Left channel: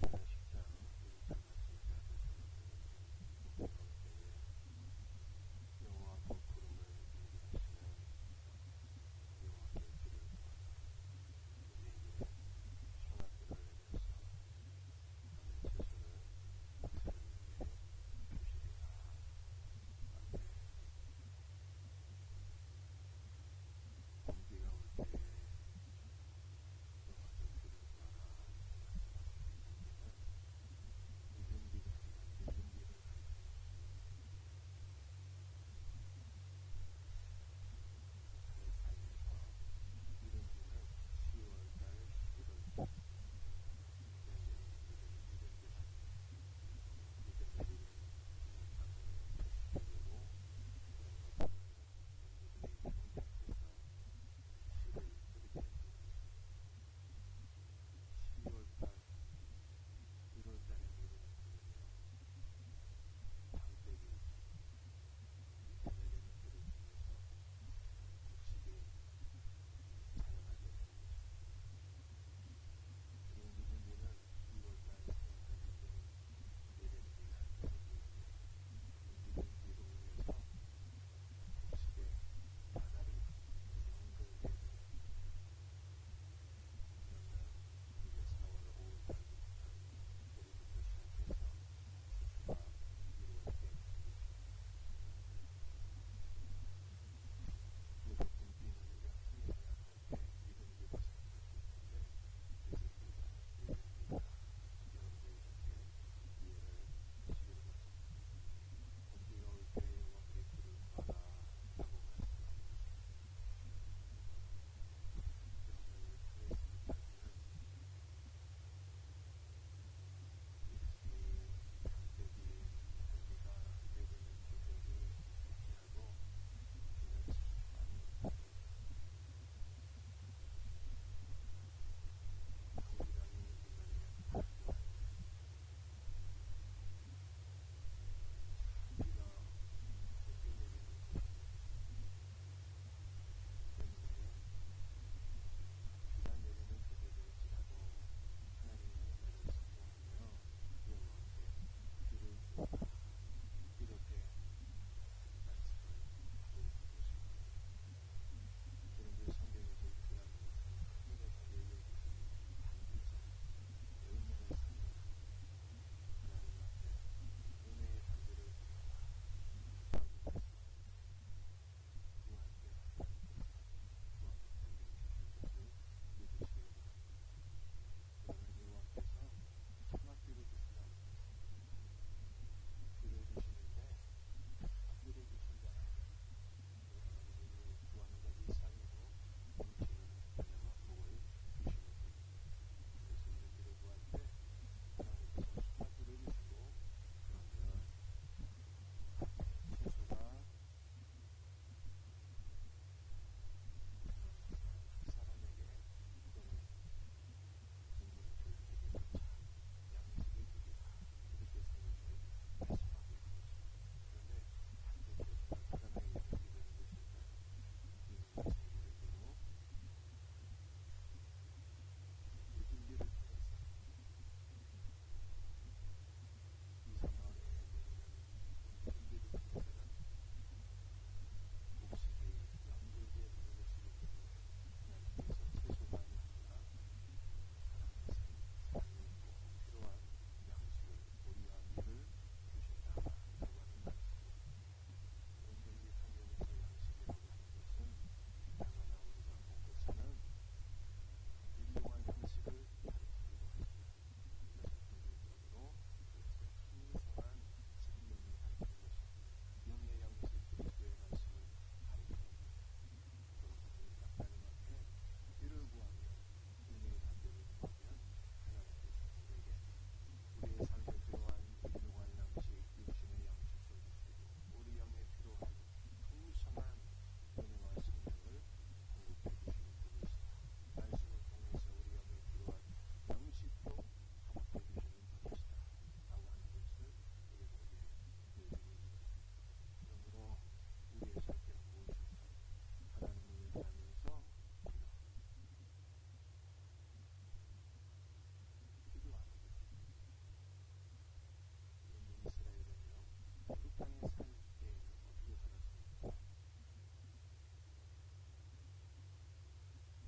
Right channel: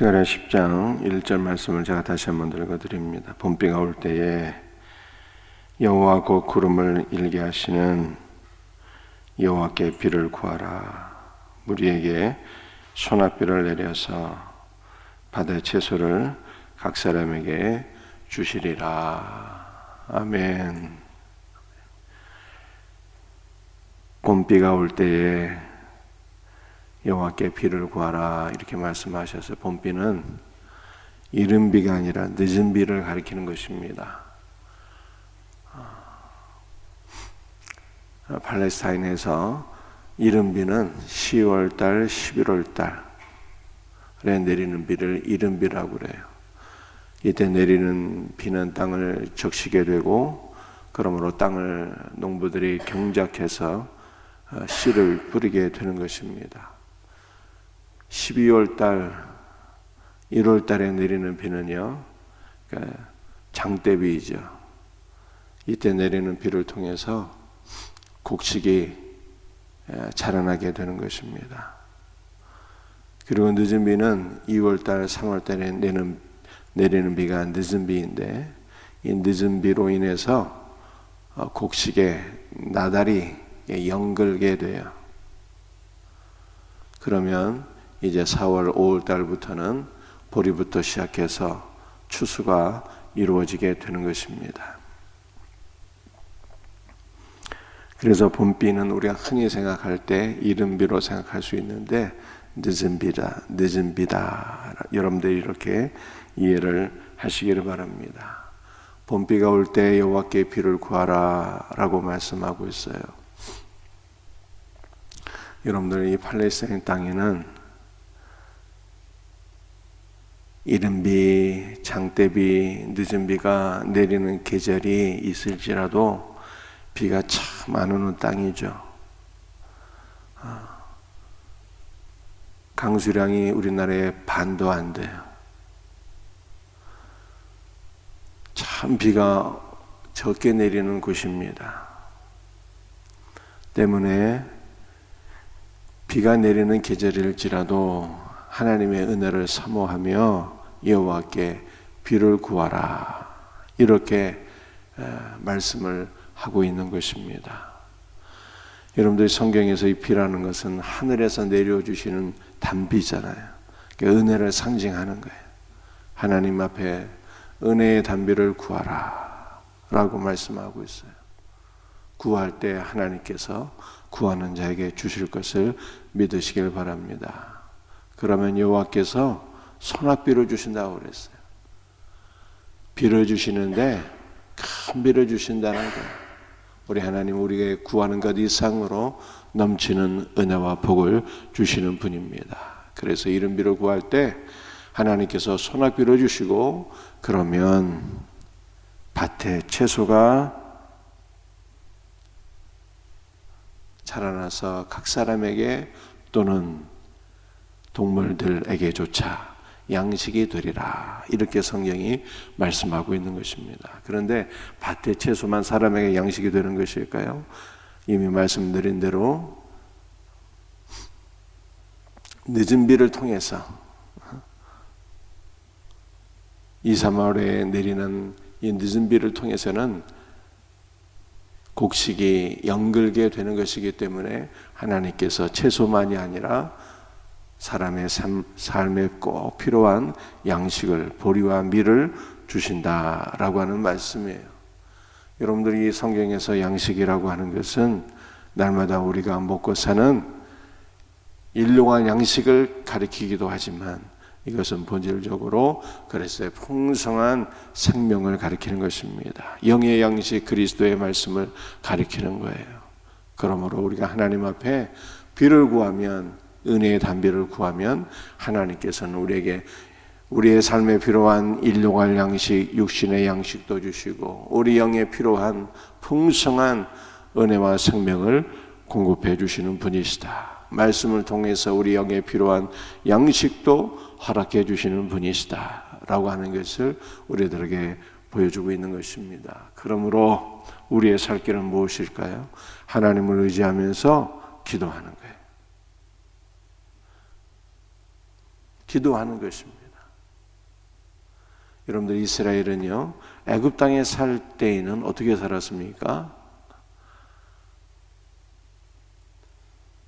스가랴 10장 1절 말씀을 제가 다시 한번 읽어드립니다. 봄비가 올 때에 여호와 곧 구름을 일게 하시는 여호와께 비를 구하라. 무리에게 소낙비를 내려서 바다의 채소를 각 사람에게 주시리라. 아멘. 봄비가 올 때에 여호와께 비를 구하라 이렇게 말씀하셔서 봄비는 이른 비가 아니라 늦은 비를 가리키는 것입니다. 팔레스타인에서 이른 비는 10월달, 11월달에 내리는 비를 이른 비라고 그래요. 이때 내리는 비는 땅을 적시게 되고 그러므로 땅을 농부들이 경작해서 씨를 뿌리게 되는 것입니다. 12월달, 1월달에 내리는 비는요, 장대비이죠. 이때 내리는 비를 통해서 곡식이 자라나게 되는 것입니다. 그리고 늦은 비는 2월달, 3월달에 내리는 비가 늦은 비인데, 이 늦은 비로 인해서 곡식에 나달이 연글게 돼요. 그러면 이제 4월, 5월 달부터는 보리부터 시작해서 추수가 이루어지게 되는 것입니다. 그래서 봄비는 우리가 흔히 생각할 때 이른 비로 생각할 수 있는데 늦은 비다. 여러분들이 이렇게 이해를 하시기를 바랍니다. 봄비가 올 때 여호와께 비를 구하라 라고 말씀하고 있어요. 여러분들 이 팔레스타인 땅에는 이른 비, 장대비, 늦은 비가 내리는 계절이 있을지라도 비가 참 안 오는 땅이죠. 강수량이 우리나라의 반도 안 돼요. 참 비가 적게 내리는 곳입니다. 때문에 비가 내리는 계절일지라도 하나님의 은혜를 사모하며 여호와께 비를 구하라 이렇게 말씀을 하고 있는 것입니다. 여러분들이 성경에서 이 비라는 것은 하늘에서 내려주시는 단비잖아요. 그러니까 은혜를 상징하는 거예요. 하나님 앞에 은혜의 단비를 구하라 라고 말씀하고 있어요. 구할 때 하나님께서 구하는 자에게 주실 것을 믿으시길 바랍니다. 그러면 여호와께서 소낙비를 주신다고 그랬어요. 비를 주시는데 큰 비를 주신다는 거예요. 우리 하나님 우리에게 구하는 것 이상으로 넘치는 은혜와 복을 주시는 분입니다. 그래서 이른 비를 구할 때 하나님께서 소낙비를 주시고 그러면 밭에 채소가 자라나서 각 사람에게 또는 동물들에게조차 양식이 되리라 이렇게 성경이 말씀하고 있는 것입니다. 그런데 밭의 채소만 사람에게 양식이 되는 것일까요? 이미 말씀드린 대로 늦은 비를 통해서 2, 3월에 내리는 이 늦은 비를 통해서는 곡식이 연글게 되는 것이기 때문에 하나님께서 채소만이 아니라 사람의 삶에 꼭 필요한 양식을 보리와 밀을 주신다라고 하는 말씀이에요. 여러분들이 이 성경에서 양식이라고 하는 것은 날마다 우리가 먹고 사는 일용할 양식을 가리키기도 하지만 이것은 본질적으로 그래서 풍성한 생명을 가리키는 것입니다. 영의 양식 그리스도의 말씀을 가리키는 거예요. 그러므로 우리가 하나님 앞에 비를 구하면 은혜의 단비를 구하면 하나님께서는 우리에게 우리의 삶에 필요한 일용할 양식, 육신의 양식도 주시고 우리 영에 필요한 풍성한 은혜와 생명을 공급해 주시는 분이시다. 말씀을 통해서 우리 영에 필요한 양식도 허락해 주시는 분이시다 라고 하는 것을 우리들에게 보여주고 있는 것입니다. 그러므로 우리의 살 길은 무엇일까요? 하나님을 의지하면서 기도하는 거예요. 기도하는 것입니다. 여러분들 이스라엘은요 애굽 땅에 살 때에는 어떻게 살았습니까?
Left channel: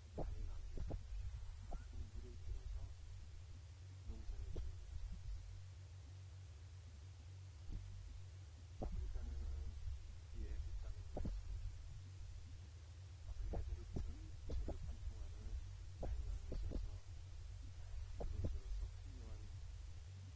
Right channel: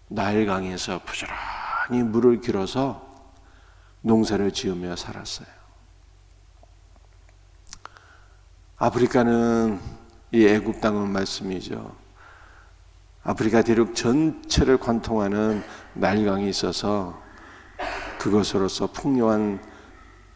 나일강에서 부지런히 물을 길어서 농사를 지으며 살았어요. 아프리카는 이 애굽 땅은 말씀이죠. 아프리카 대륙 전체를 관통하는 나일강이 있어서 그것으로서 풍요한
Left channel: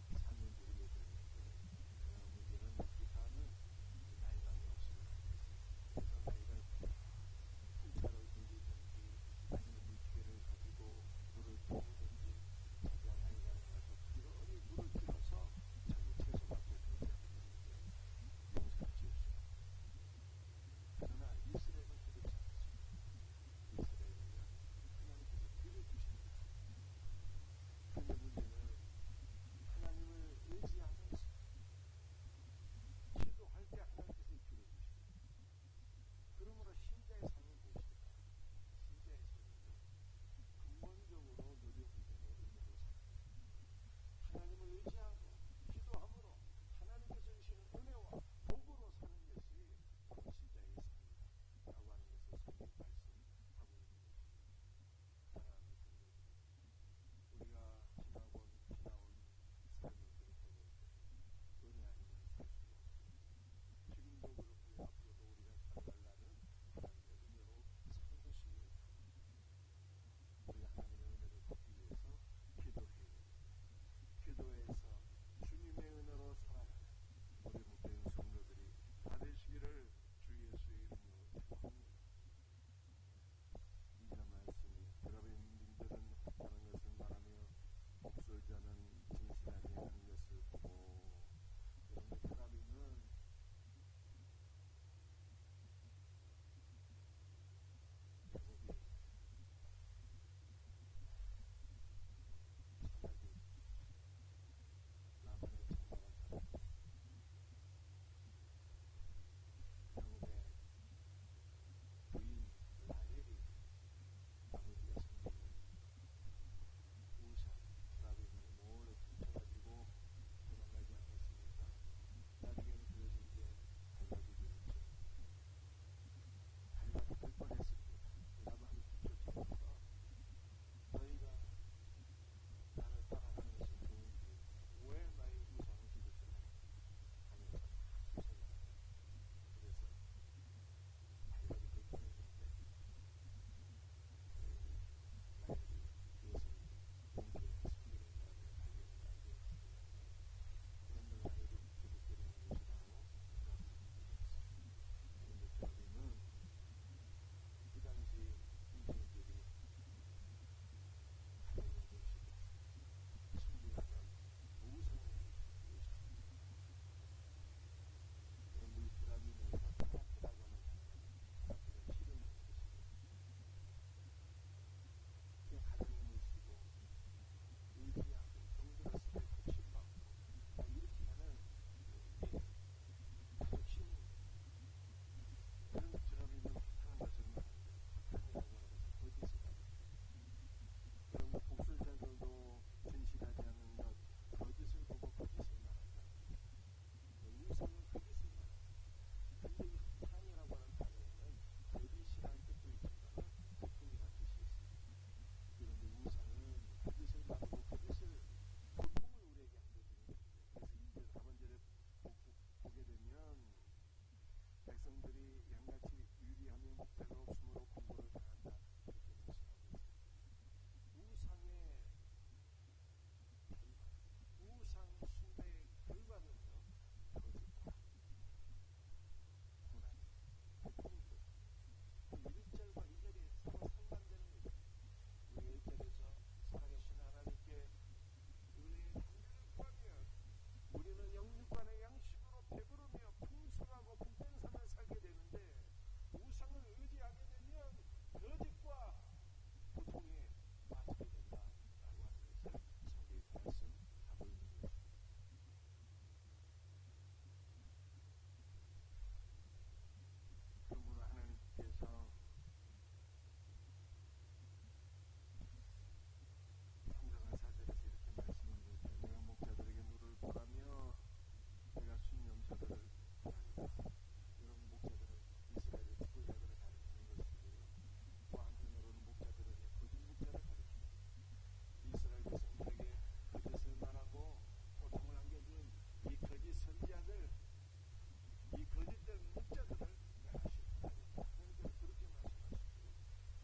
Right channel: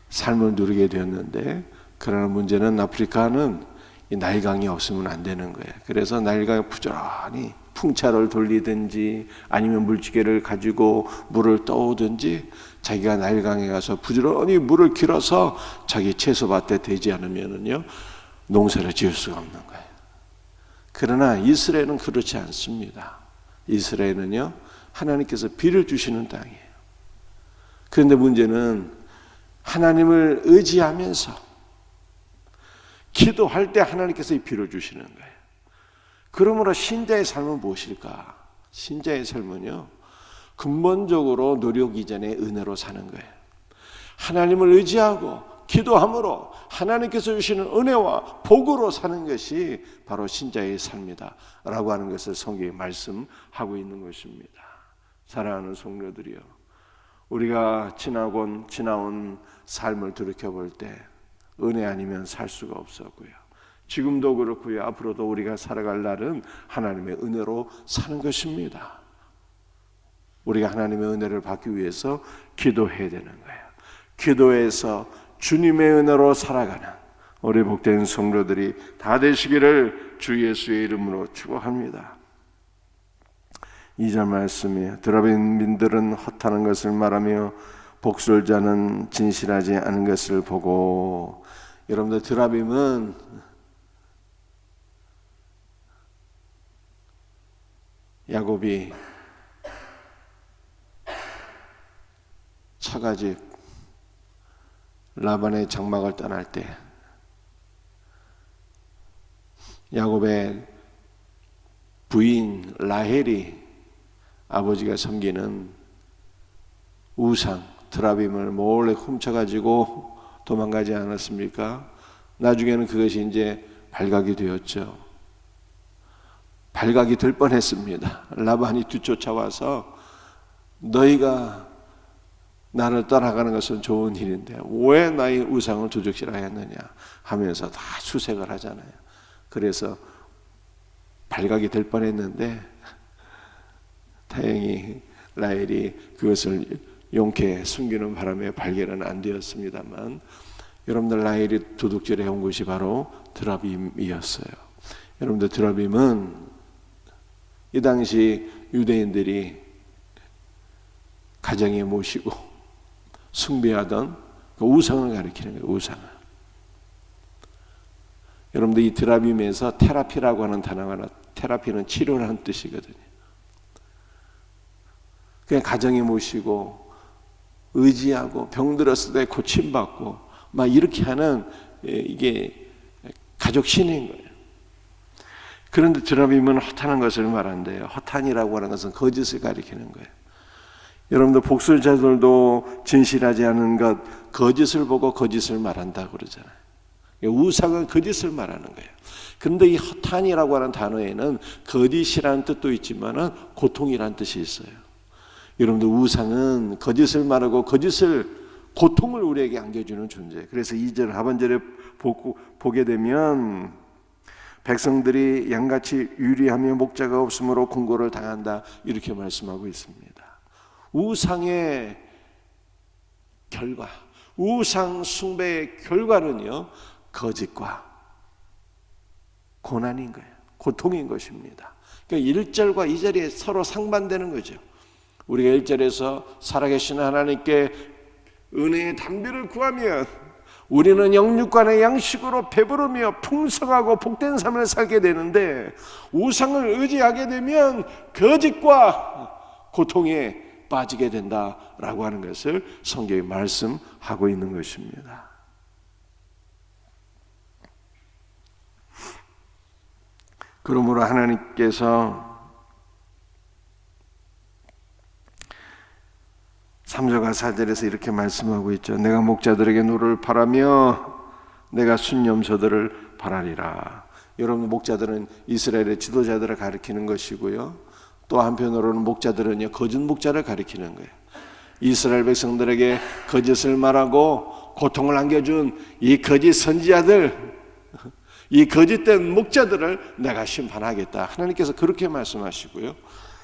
삶을 누리게 되었는데, 그러나 문제는 아프리카는 이 나일강이 없으면 안 되는 거예요. 그래서 나일강에 부지런히 풍차를 돌리든지 아니면 물지개를 가지고 물을 떠오든지 자기가 나일강에 가서 부지런히 물을 길어서 자기 채소밭에 되지 않으면은요 농사를 지을 수가 없는 거예요. 그러나 이스라엘은 그렇지 않습니다. 이스라엘은요 하나님께서 비를 주시는 땅이에요. 그런데 문제는 하나님을 의지하면서 기도할 때 하나님께서 이 비를 주시는 거예요. 그러므로 신자의 삶은 무엇일까? 신자의 삶은요 근본적으로 노력 이전의 은혜로 사는 거예요. 하나님을 의지하고 기도함으로 하나님께서 주시는 은혜와 복으로 사는 것이 바로 신자의 삶이다 라고 하는 것을 성경에 말씀하고 있는 것입니다. 사랑하는 성도들이요, 우리가 지나온 삶을 돌이켜볼 때 은혜 아니면 살 수가 없었고요, 지금도 그렇고요, 앞으로도 우리가 살아갈 날은 하나님의 은혜로 사는 것입니다. 우리가 하나님의 은혜를 받기 위해서 기도해야 되는 거예요. 기도해서 주님의 은혜로 살아가는 우리 복된 성도들이 다 되시기를 주 예수의 이름으로 축복합니다. 2절 말씀이에요. 드라빔민들은 헛하는 것을 말하며 복술자는 진실하지 않은 것을 보고. 여러분들 드라빔은 야곱이 처가집 라반의 장막을 떠날 때 야곱의 부인 라헬이 아버지가 섬기는 우상 드라빔을 몰래 훔쳐가지고 도망가지 않았습니까? 나중에는 그것이 이제 발각이 되었죠. 발각이 될 뻔했습니다. 라반이 뒤쫓아와서 너희가 나를 따라가는 것은 좋은 일인데 왜 나의 우상을 도적질하여 했느냐 하면서 다 수색을 하잖아요. 그래서 발각이 될 뻔했는데 다행히 라헬이 그것을 용케 숨기는 바람에 발견은 안 되었습니다만, 여러분들 라헬이 도둑질해 온 것이 바로 드라빔이었어요. 여러분들 드라빔은 이 당시 유대인들이 가정에 모시고 숭배하던 그 우상을 가리키는 거예요. 우상을. 여러분들 이 드라빔에서 테라피라고 하는 단어가 나와. 테라피는 치료라는 뜻이거든요. 그냥 가정에 모시고 의지하고 병들었을 때 고침받고 막 이렇게 하는 이게 가족 신인 거예요. 그런데 드라빔은 헛하는 것을 말한대요. 헛한이라고 하는 것은 거짓을 가리키는 거예요. 여러분들 복술자들도 진실하지 않은 것, 거짓을 보고 거짓을 말한다고 그러잖아요. 우상은 거짓을 말하는 거예요. 그런데 이 헛한이라고 하는 단어에는 거짓이라는 뜻도 있지만 고통이라는 뜻이 있어요. 여러분들 우상은 거짓을 말하고 고통을 우리에게 안겨주는 존재예요. 그래서 2절 하반절에 보게 되면 백성들이 양같이 유리하며 목자가 없으므로 공고를 당한다 이렇게 말씀하고 있습니다. 우상의 결과, 우상 숭배의 결과는요 거짓과 고난인 거예요. 고통인 것입니다. 그러니까 1절과 2절이 서로 상반되는 거죠. 우리가 1절에서 살아계신 하나님께 은혜의 담비를 구하면 우리는 영육간의 양식으로 배부르며 풍성하고 복된 삶을 살게 되는데, 우상을 의지하게 되면 거짓과 고통에 빠지게 된다라고 하는 것을 성경이 말씀하고 있는 것입니다. 그러므로 하나님께서 3절과 4절에서 이렇게 말씀하고 있죠. 내가 목자들에게 노를 바라며 내가 순염소들을 바라리라. 여러분, 목자들은 이스라엘의 지도자들을 가리키는 것이고요, 또 한편으로는 목자들은요, 거짓 목자를 가리키는 거예요. 이스라엘 백성들에게 거짓을 말하고 고통을 안겨준 이 거짓 선지자들, 이 거짓된 목자들을 내가 심판하겠다. 하나님께서 그렇게 말씀하시고요.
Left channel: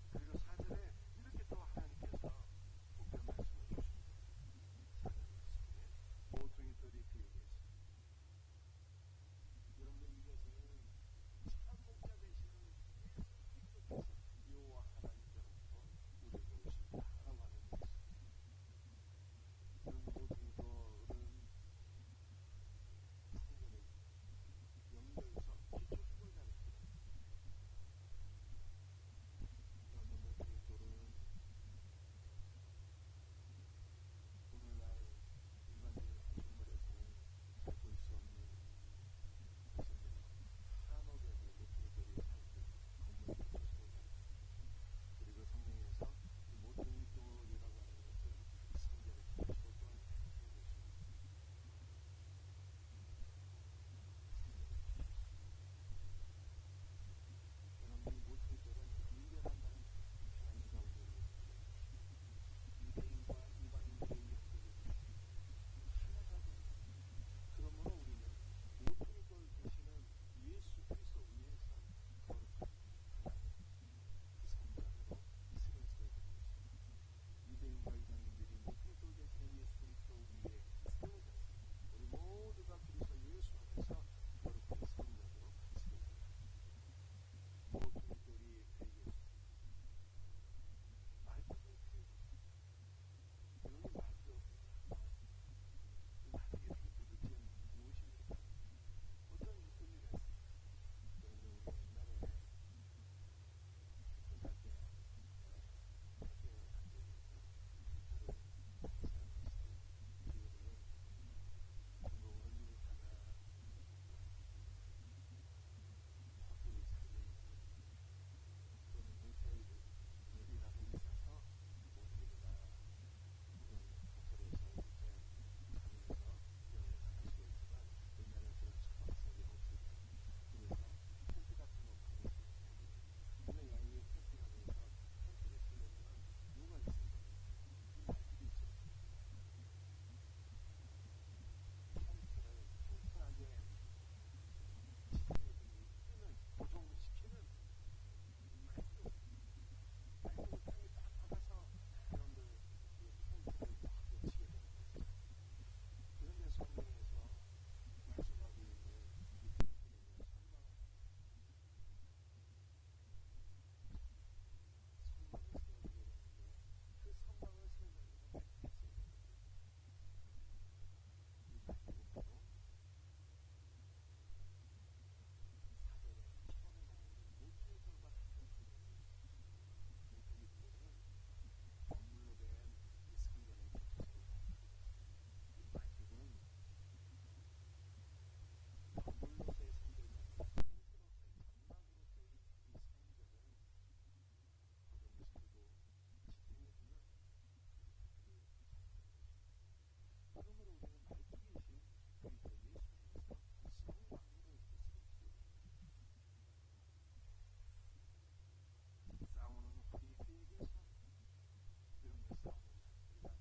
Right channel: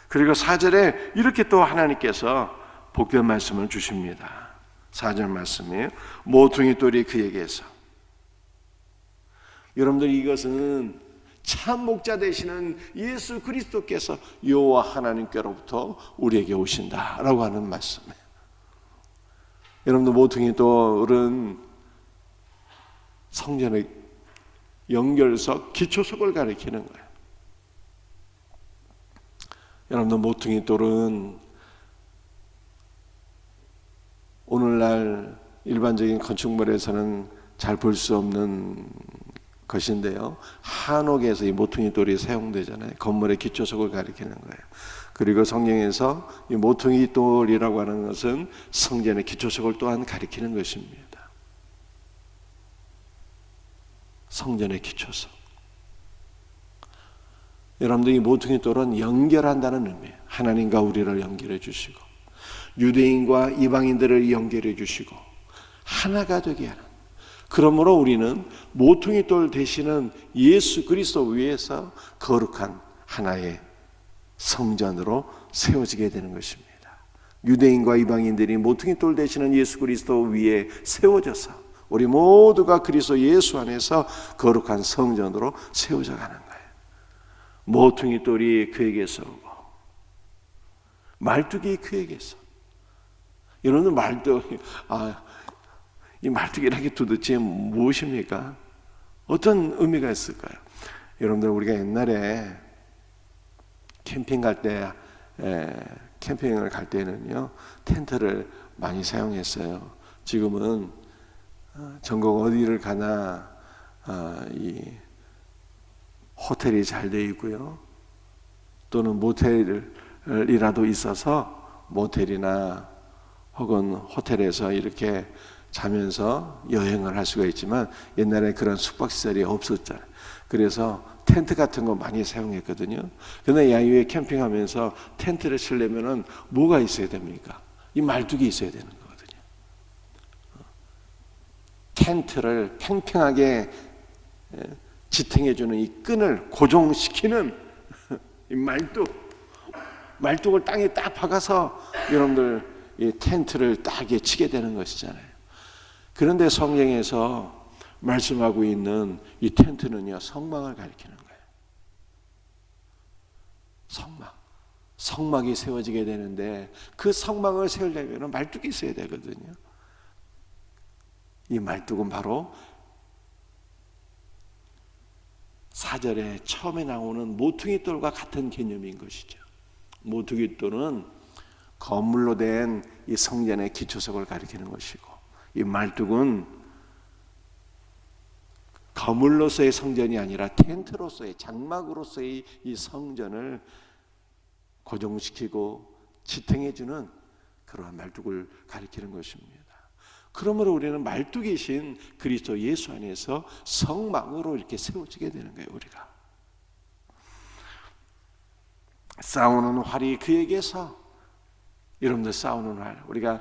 그리고 4절에 이렇게 또 하나님께서 복된 말씀을 주십니다. 4절 말씀이에요. 모퉁이 돌이 그에게서. 여러분들, 이것은 참 목자 되시는 예수 그리스도께서 여호와 하나님께로부터 우리에게 오신다라고 하는 말씀이에요. 여러분들, 모퉁이 돌은 성전의 연결석, 기초석을 가리키는 거예요. 여러분들, 모퉁이 돌은 오늘날 일반적인 건축물에서는 잘 볼 수 없는 것인데요, 한옥에서 이 모퉁이 돌이 사용되잖아요. 건물의 기초석을 가리키는 거예요. 그리고 성경에서 이 모퉁이 돌이라고 하는 것은 성전의 기초석을 또한 가리키는 것입니다. 성전의 기초석. 여러분들, 이 모퉁이 돌은 연결한다는 의미예요. 하나님과 우리를 연결해 주시고, 유대인과 이방인들을 연결해 주시고, 하나가 되게 하는. 그러므로 우리는 모퉁이 돌 되시는 예수 그리스도 위에서 거룩한 하나의 성전으로 세워지게 되는 것입니다. 유대인과 이방인들이 모퉁이 돌 되시는 예수 그리스도 위에 세워져서 우리 모두가 그리스도 예수 안에서 거룩한 성전으로 세워져 가는 거예요. 모퉁이 돌이 그에게서 오고 말뚝이 그에게서. 여러분, 말뚝, 이 말뚝이라는 게 도대체 무엇입니까? 어떤 의미가 있을까요? 여러분들, 우리가 옛날에 캠핑 갈 때, 캠핑을 갈 때는요, 텐트를 많이 사용했어요. 지금은 전국 어디를 가나 이 호텔이 잘 되어 있고요, 또는 모텔이라도 있어서 모텔이나 혹은 호텔에서 이렇게 자면서 여행을 할 수가 있지만, 옛날에 그런 숙박시설이 없었잖아요. 그래서 텐트 같은 거 많이 사용했거든요. 그런데 야외에 캠핑하면서 텐트를 치려면은 뭐가 있어야 됩니까? 이 말뚝이 있어야 되는 거거든요. 텐트를 팽팽하게 지탱해주는 이 끈을 고정시키는 이 말뚝을 땅에 딱 박아서 여러분들 이 텐트를 딱 치게 되는 것이잖아요. 그런데 성경에서 말씀하고 있는 이 텐트는요, 성막을 가리키는 거예요. 성막이 세워지게 되는데, 그 성막을 세우려면 말뚝이 있어야 되거든요. 이 말뚝은 바로 4절에 처음에 나오는 모퉁이 돌과 같은 개념인 것이죠. 모퉁이 돌은 건물로 된 이 성전의 기초석을 가리키는 것이고, 이 말뚝은 거물로서의 성전이 아니라 텐트로서의, 장막으로서의 이 성전을 고정시키고 지탱해주는 그러한 말뚝을 가리키는 것입니다. 그러므로 우리는 말뚝이신 그리스도 예수 안에서 성막으로 이렇게 세워지게 되는 거예요. 우리가 싸우는 활이 그에게서. 여러분들, 싸우는 활, 우리가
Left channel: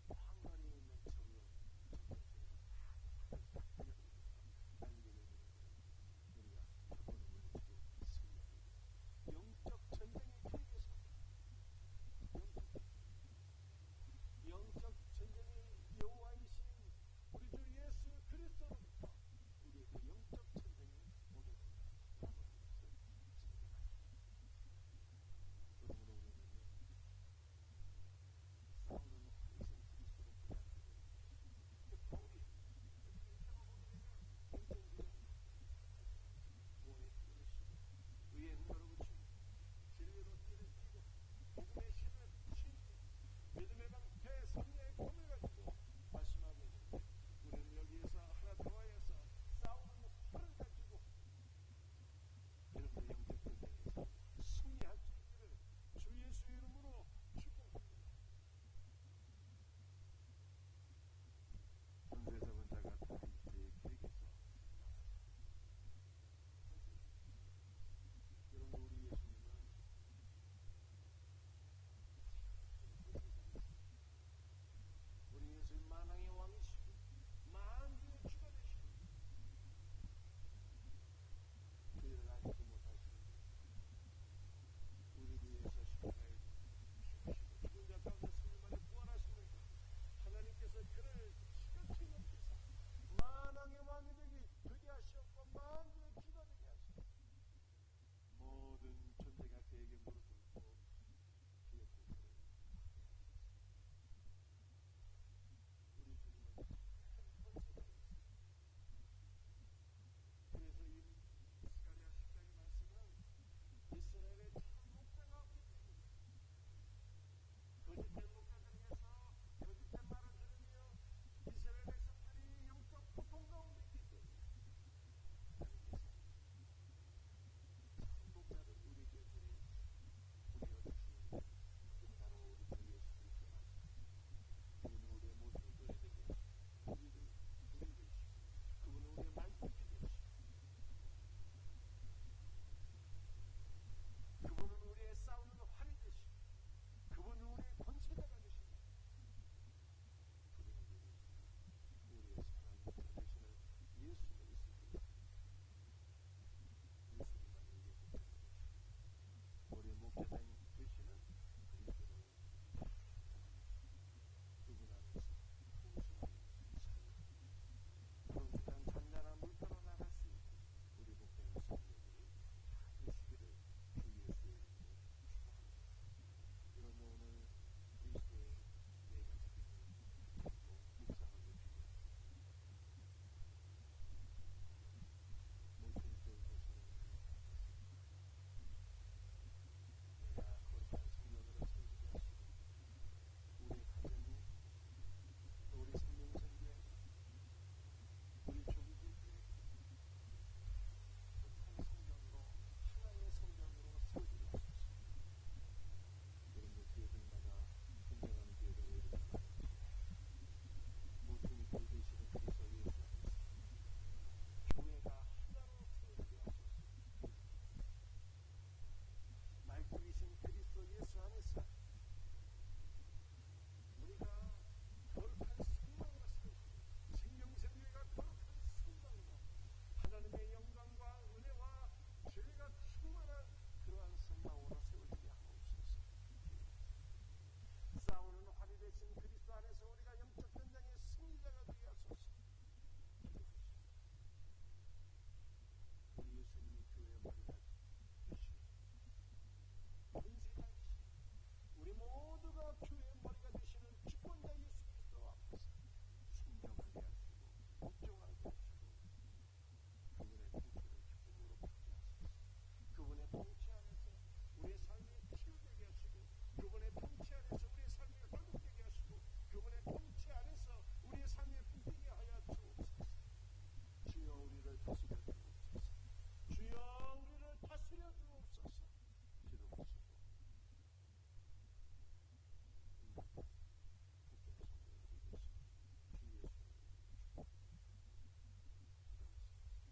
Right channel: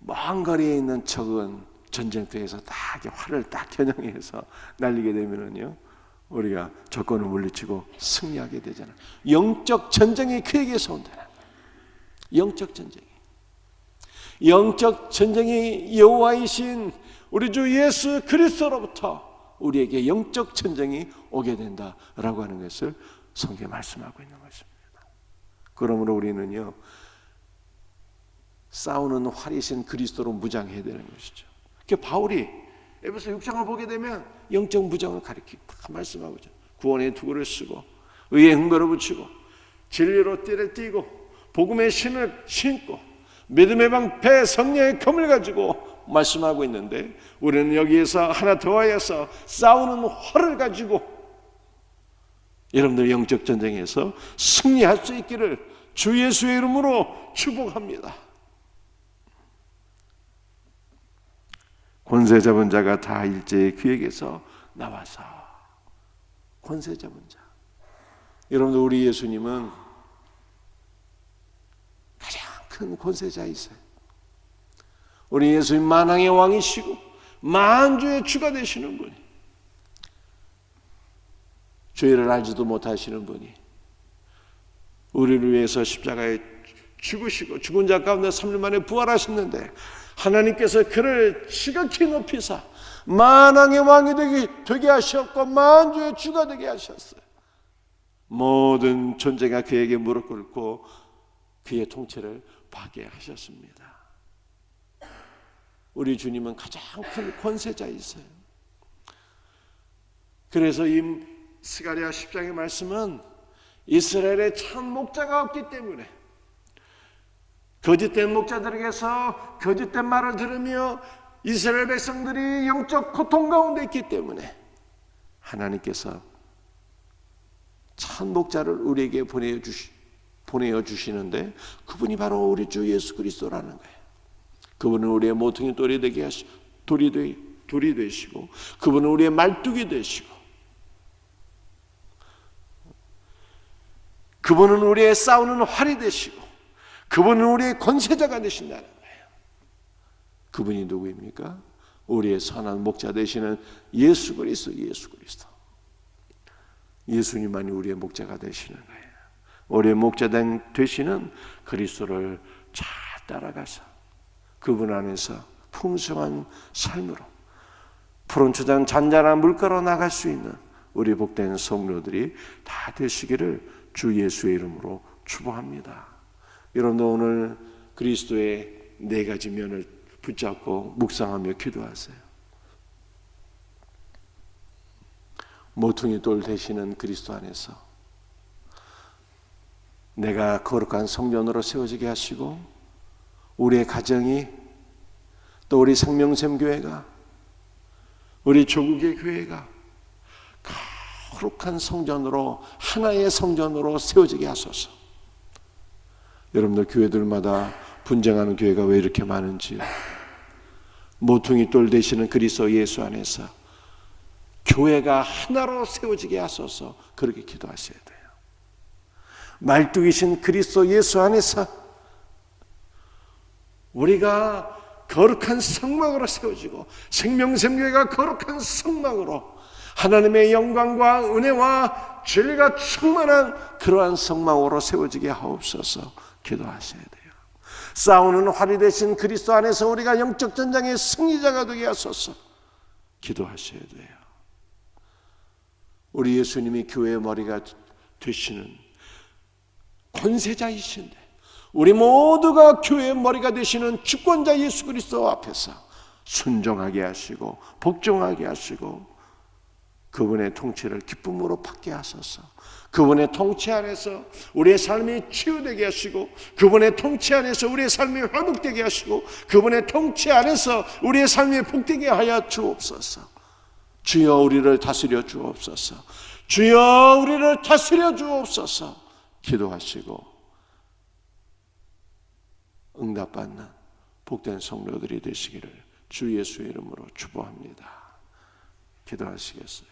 먼 거리에 있는 적은 전쟁터에서 딱 활을 딱 겨냥해서 날리게 되면은요, 우리가 적군을 물리치고 승리하게 되잖아요. 영적 전쟁이 그에게서 온다는 거예요. 영적 전쟁이 여호와이신 우리 주 예수 그리스도로부터 우리에게 영적 전쟁이 오게 된다라고 하는 것을 성경에 말씀하고 있는 것입니다. 그러므로 우리는요, 싸우는 활이신 그리스도로 무장해야 되는 것이죠. 바울이 에베소 6장을 보게 되면 영적 무장을 가리키고 말씀하고 있죠. 구원의 투구를 쓰고, 의의 흥거를 붙이고, 진리로 띠를 띠고, 복음의 신을 신고, 믿음의 방패 성령의 검을 가지고 말씀하고 있는데, 우리는 여기에서 하나 더하여서 싸우는 활을 가지고 여러분들 영적 전쟁에서 승리할 수 있기를 주 예수의 이름으로 축복합니다. 권세 잡은 자가 다 일제히 그에게서 나와서. 권세 잡은 자. 여러분들, 우리 예수님은 가장 큰 권세자이세요. 우리 예수님 만왕의 왕이시고 만주의 주가 되시는 분이, 죄를 알지도 못하시는 분이 우리를 위해서 십자가에 죽으시고 죽은 자 가운데 3일 만에 부활하셨는데, 하나님께서 그를 지극히 높이사 만왕의 왕이 되게 하셨고 만주의 주가 되게 하셨어요. 모든 존재가 그에게 무릎 꿇고 그의 통치를 받게 하셨습니다. 우리 주님은 가장 큰 권세자이세요. 그래서 이 스가랴 10장의 말씀은 이스라엘에 참 목자가 없기 때문에, 거짓된 목자들에게서 거짓된 말을 들으며 이스라엘 백성들이 영적 고통 가운데 있기 때문에 하나님께서 참 목자를 우리에게 보내어 주시는데, 그분이 바로 우리 주 예수 그리스도라는 거예요. 그분은 우리의 모퉁이 돌이 되시고, 그분은 우리의 말뚝이 되시고, 그분은 우리의 싸우는 활이 되시고, 그분은 우리의 권세자가 되신다는 거예요. 그분이 누구입니까? 우리의 선한 목자 되시는 예수 그리스도. 예수님만이 우리의 목자가 되시는 거예요. 우리의 목자 되시는 그리스도를 잘 따라가서 그분 안에서 풍성한 삶으로 푸른 초장 잔잔한 물가로 나갈 수 있는 우리 복된 성도들이 다 되시기를 주 예수의 이름으로 축복합니다. 여러분도 오늘 그리스도의 4가지 면을 붙잡고 묵상하며 기도하세요. 모퉁이 돌 되시는 그리스도 안에서 내가 거룩한 성전으로 세워지게 하시고, 우리의 가정이, 또 우리 생명샘교회가, 우리 조국의 교회가 거룩한 성전으로, 하나의 성전으로 세워지게 하소서. 여러분들, 교회들마다 분쟁하는 교회가 왜 이렇게 많은지요? 모퉁이 돌 되시는 그리스도 예수 안에서 교회가 하나로 세워지게 하소서. 그렇게 기도하셔야 돼요. 말뚝이신 그리스도 예수 안에서 우리가 거룩한 성막으로 세워지고, 생명샘교회가 거룩한 성막으로 하나님의 영광과 은혜와 진리가 충만한 그러한 성막으로 세워지게 하옵소서. 기도하셔야 돼요. 싸우는 활이 되신 그리스도 안에서 우리가 영적 전장의 승리자가 되게 하소서. 기도하셔야 돼요. 우리 예수님이 교회의 머리가 되시는 권세자이신데, 우리 모두가 교회의 머리가 되시는 주권자 예수 그리스도 앞에서 순종하게 하시고 복종하게 하시고, 그분의 통치를 기쁨으로 받게 하소서. 그분의 통치 안에서 우리의 삶이 치유되게 하시고, 그분의 통치 안에서 우리의 삶이 회복되게 하시고, 그분의 통치 안에서 우리의 삶이 복되게 하여 주옵소서. 주여 우리를 다스려 주옵소서. 주여 우리를 다스려 주옵소서. 기도하시고 응답받는 복된 성도들이 되시기를 주 예수의 이름으로 축복합니다. 기도하시겠어요?